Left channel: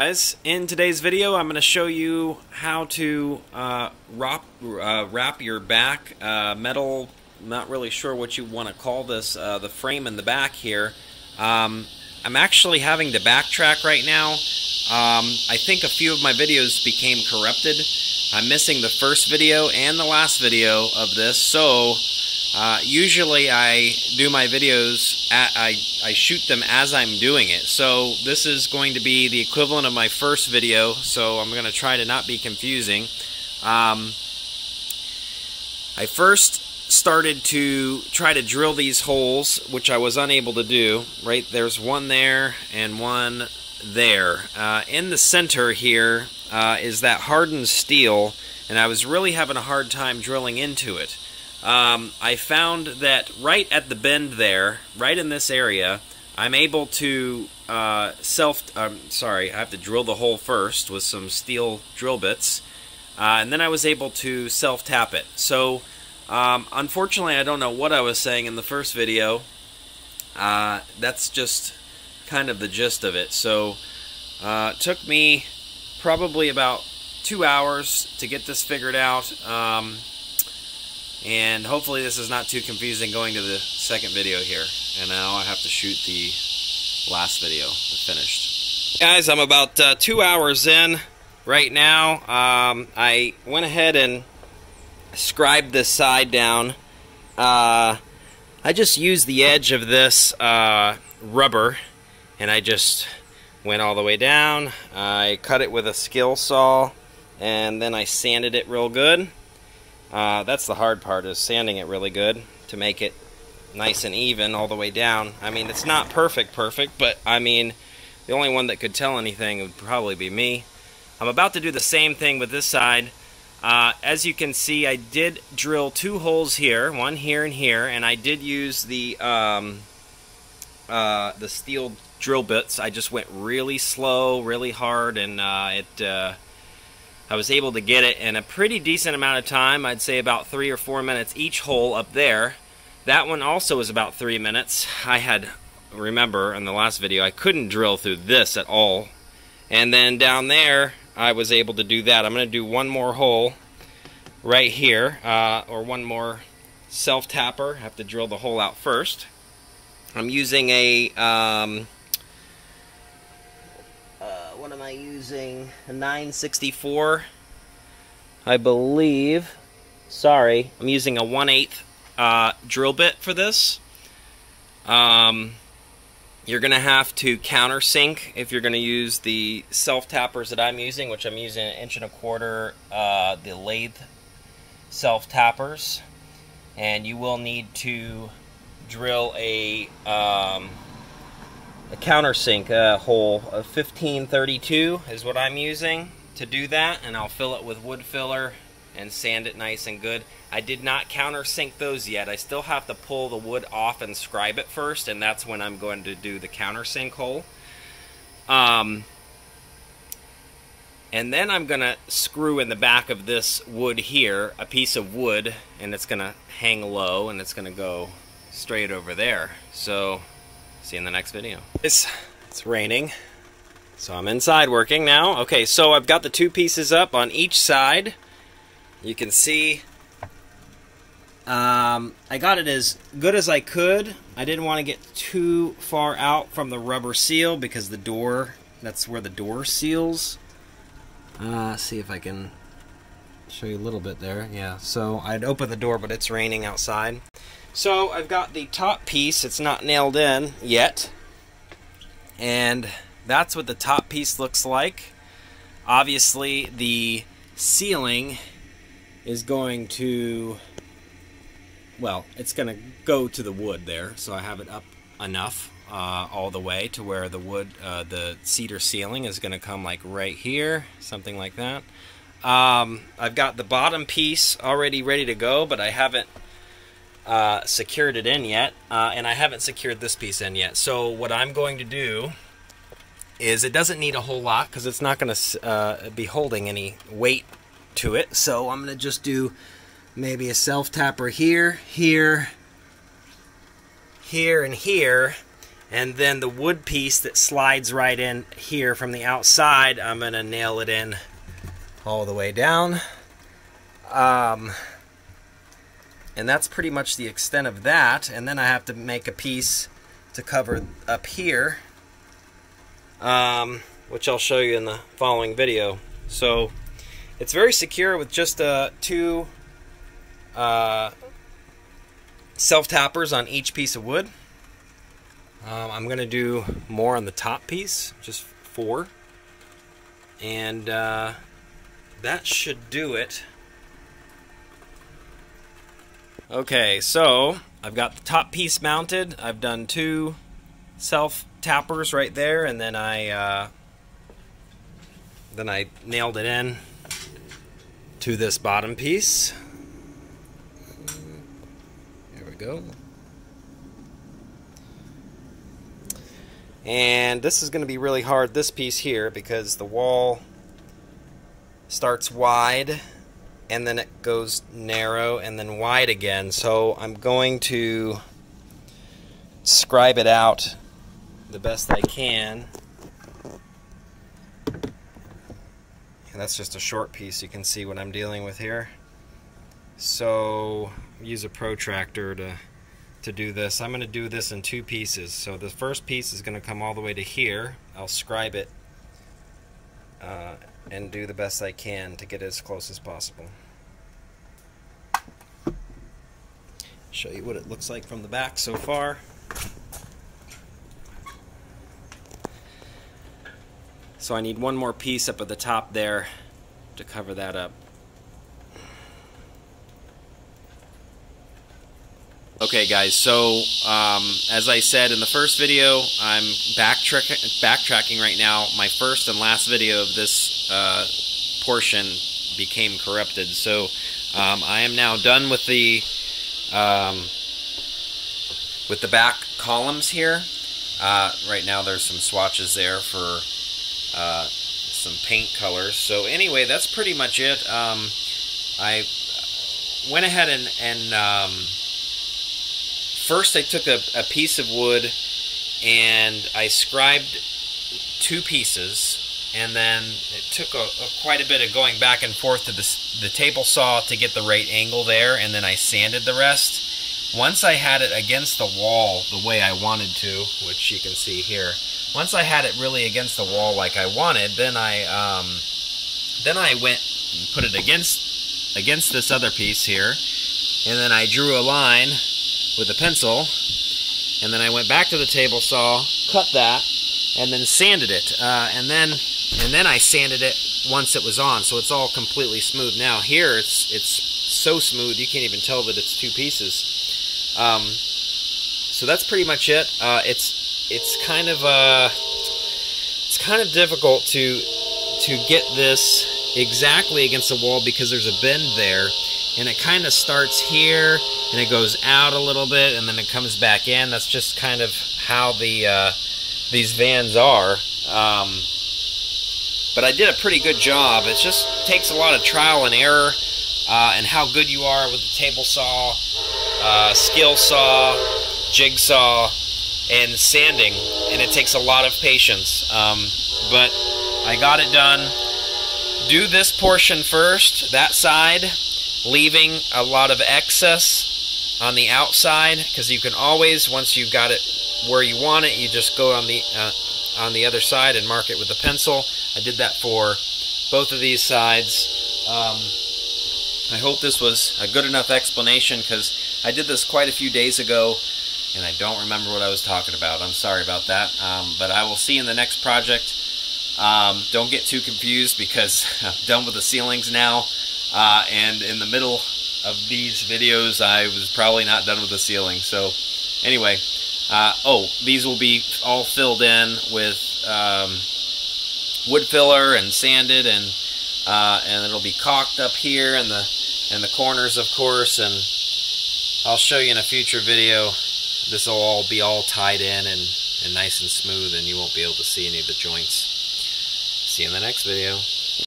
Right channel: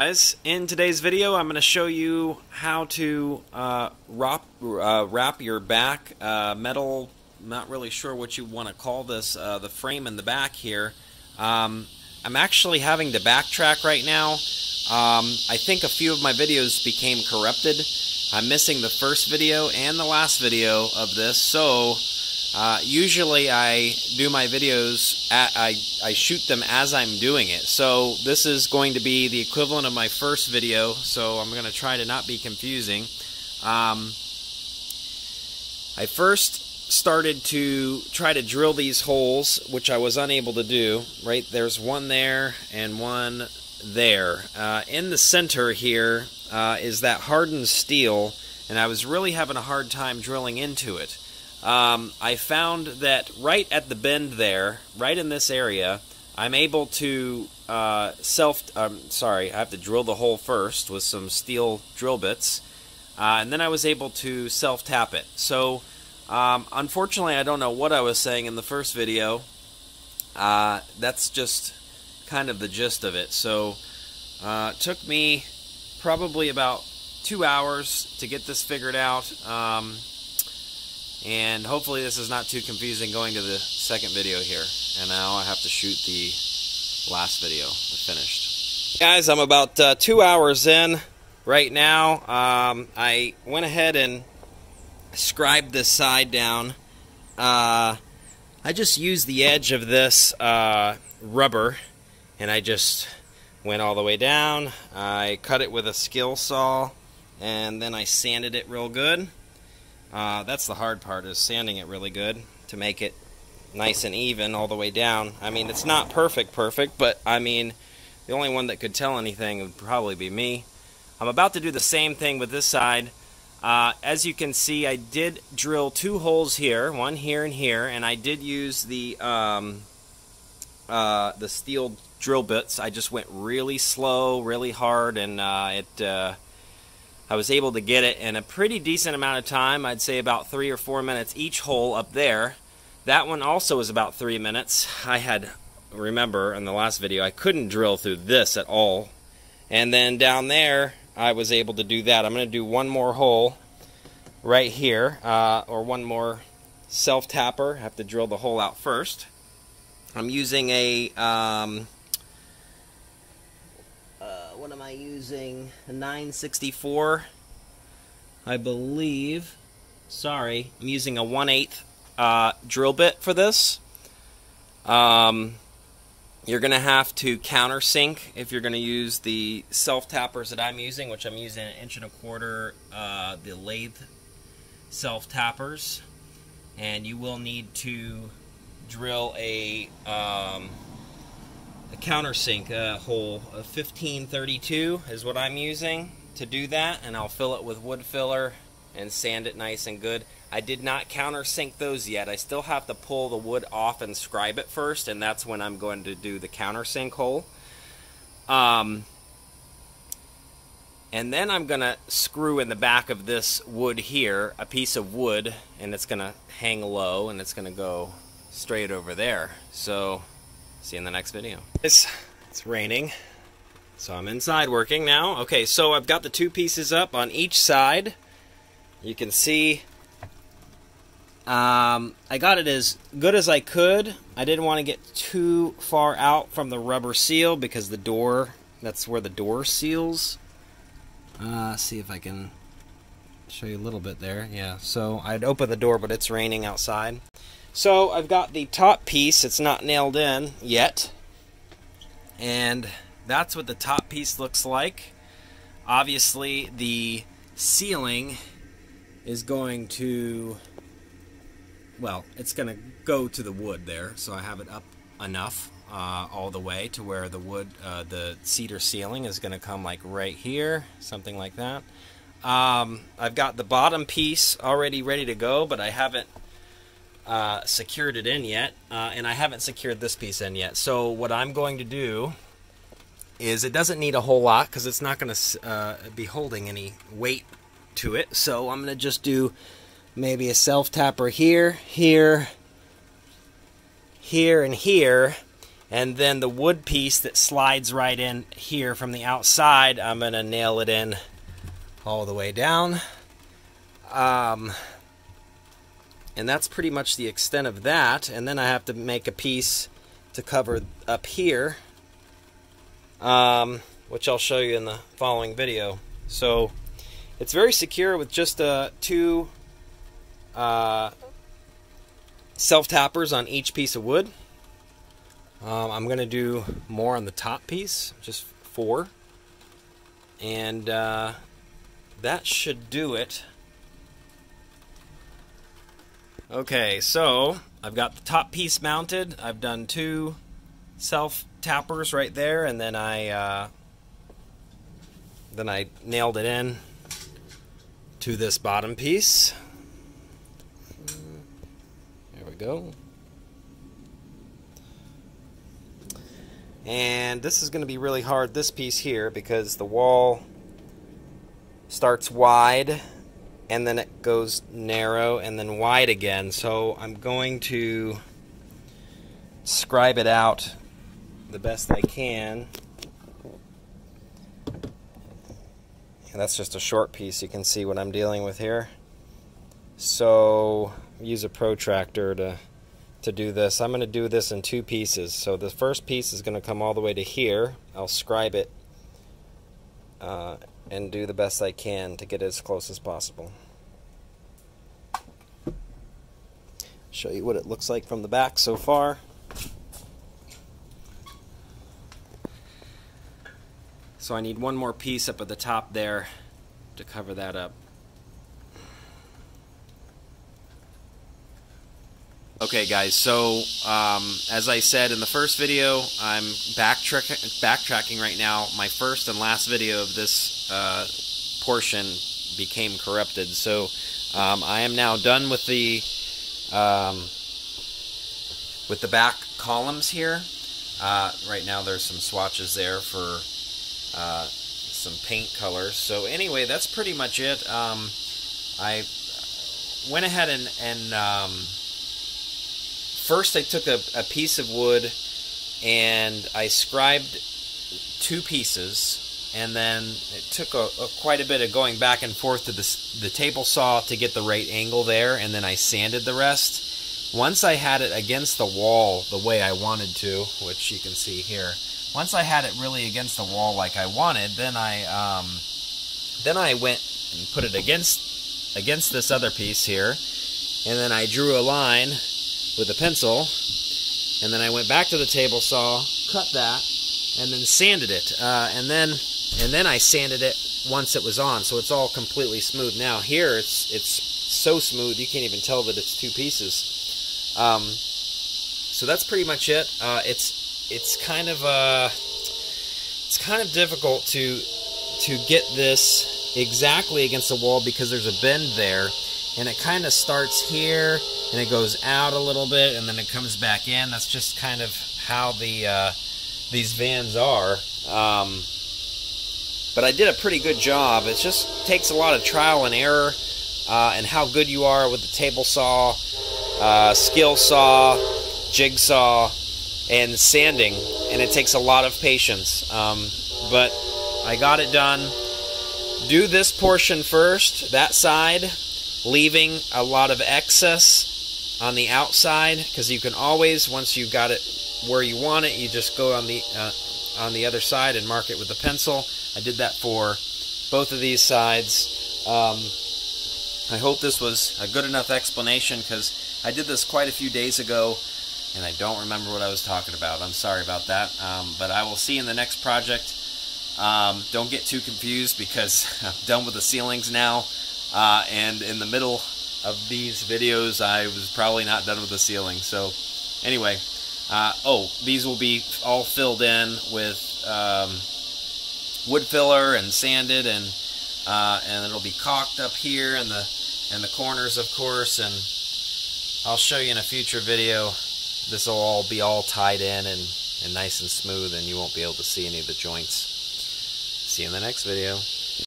Guys, in today's video I'm going to show you how to wrap your back metal, not really sure what you want to call this, the frame in the back here. I'm actually having to backtrack right now. I think a few of my videos became corrupted. I'm missing the first video and the last video of this, so usually I do my videos, I shoot them as I'm doing it. So this is going to be the equivalent of my first video, so I'm going to try to not be confusing. I first started to try to drill these holes, which I was unable to do. Right, there's one there and one there. In the center here is that hardened steel, and I was really having a hard time drilling into it. I found that right at the bend there, right in this area, I'm able to I have to drill the hole first with some steel drill bits, and then I was able to self-tap it. So, unfortunately, I don't know what I was saying in the first video. That's just kind of the gist of it. So, it took me probably about 2 hours to get this figured out. And hopefully this is not too confusing going to the second video here. And now I have to shoot the last video, the finished. Guys, I'm about 2 hours in right now. I went ahead and scribed this side down. I just used the edge of this rubber, and I just went all the way down. I cut it with a skill saw, and then I sanded it real good. That's the hard part, is sanding it really good to make it nice and even all the way down. I mean, it's not perfect, but I mean, the only one that could tell anything would probably be me. I'm about to do the same thing with this side. As you can see, I did drill 2 holes here, one here and here, and I did use the steel drill bits. I just went really slow, really hard, and I was able to get it in a pretty decent amount of time. I'd say about 3 or 4 minutes each hole up there. That one also was about 3 minutes. Remember in the last video, I couldn't drill through this at all. And then down there, I was able to do that. I'm going to do one more hole right here, or one more self-tapper. I have to drill the hole out first. I'm using a what am I using? A 964, I believe. Sorry, I'm using a 1/8 drill bit for this. You're going to have to countersink if you're going to use the self-tappers that I'm using, which I'm using an 1.25 inch, the lathe self-tappers. And you will need to drill a countersink hole of 1532 is what I'm using to do that, and I'll fill it with wood filler and sand it nice and good. I did not countersink those yet. I still have to pull the wood off and scribe it first, and that's when I'm going to do the countersink hole. And then I'm going to screw in the back of this wood here a piece of wood, and it's going to hang low, and it's going to go straight over there. So see you in the next video. It's raining, so I'm inside working now. Okay, so I've got the 2 pieces up on each side. You can see I got it as good as I could. I didn't want to get too far out from the rubber seal because the door, that's where the door seals. See if I can show you a little bit there. Yeah, so I'd open the door, but it's raining outside. So I've got the top piece, it's not nailed in yet, and that's what the top piece looks like. Obviously the ceiling is going to, well, it's going to go to the wood there, so I have it up enough all the way to where the wood, the cedar ceiling is going to come like right here, something like that. I've got the bottom piece already ready to go, but I haven't secured it in yet, and I haven't secured this piece in yet. So what I'm going to do is, it doesn't need a whole lot because it's not going to be holding any weight to it. So I'm going to just do maybe a self-tapper here, here, here, and here, And then the wood piece that slides right in here from the outside, I'm going to nail it in all the way down. And that's pretty much the extent of that. And then I have to make a piece to cover up here, which I'll show you in the following video. So it's very secure with just two self-tappers on each piece of wood. I'm going to do more on the top piece, just 4. And that should do it. Okay, so I've got the top piece mounted. I've done 2 self-tappers right there, and then I nailed it in to this bottom piece. There we go. And this is going to be really hard, this piece here, because the wall starts wide and then it goes narrow and then wide again. So I'm going to scribe it out the best I can. And that's just a short piece. You can see what I'm dealing with here. So use a protractor to do this. I'm going to do this in 2 pieces. So the first piece is going to come all the way to here. I'll scribe it and do the best I can to get it as close as possible. Show you what it looks like from the back so far. So I need one more piece up at the top there to cover that up. Okay guys, so as I said in the first video, I'm backtracking right now. My first and last video of this portion became corrupted, so I am now done with the back columns here. Right now there's some swatches there for some paint colors. So anyway, that's pretty much it. I went ahead and first I took a piece of wood and I scribed 2 pieces, and then it took quite a bit of going back and forth to the table saw to get the right angle there, and then I sanded the rest. Once I had it against the wall the way I wanted to, which you can see here, once I had it really against the wall like I wanted, then I went and put it against this other piece here, and then I drew a line with a pencil, and then I went back to the table saw, cut that, and then sanded it, and then I sanded it once it was on, so it's all completely smooth. Now here it's so smooth you can't even tell that it's 2 pieces. So that's pretty much it. It's kind of difficult to get this exactly against the wall because there's a bend there, and it kind of starts here and it goes out a little bit and then it comes back in. That's just kind of how these vans are. But I did a pretty good job. It just takes a lot of trial and error and how good you are with the table saw, skill saw, jigsaw, and sanding, and it takes a lot of patience. But I got it done. Do this portion first, that side, leaving a lot of excess on the outside, because you can always, once you've got it where you want it, you just go on the other side and mark it with a pencil. I did that for both of these sides. I hope this was a good enough explanation, because I did this quite a few days ago and I don't remember what I was talking about. I'm sorry about that. But I will see you in the next project. Don't get too confused, because I'm done with the ceilings now. And in the middle of these videos, I was probably not done with the ceiling. So anyway, these will be all filled in with wood filler and sanded, and it'll be caulked up here and the corners, of course. And I'll show you in a future video. This will all be all tied in and nice and smooth, and you won't be able to see any of the joints. See you in the next video.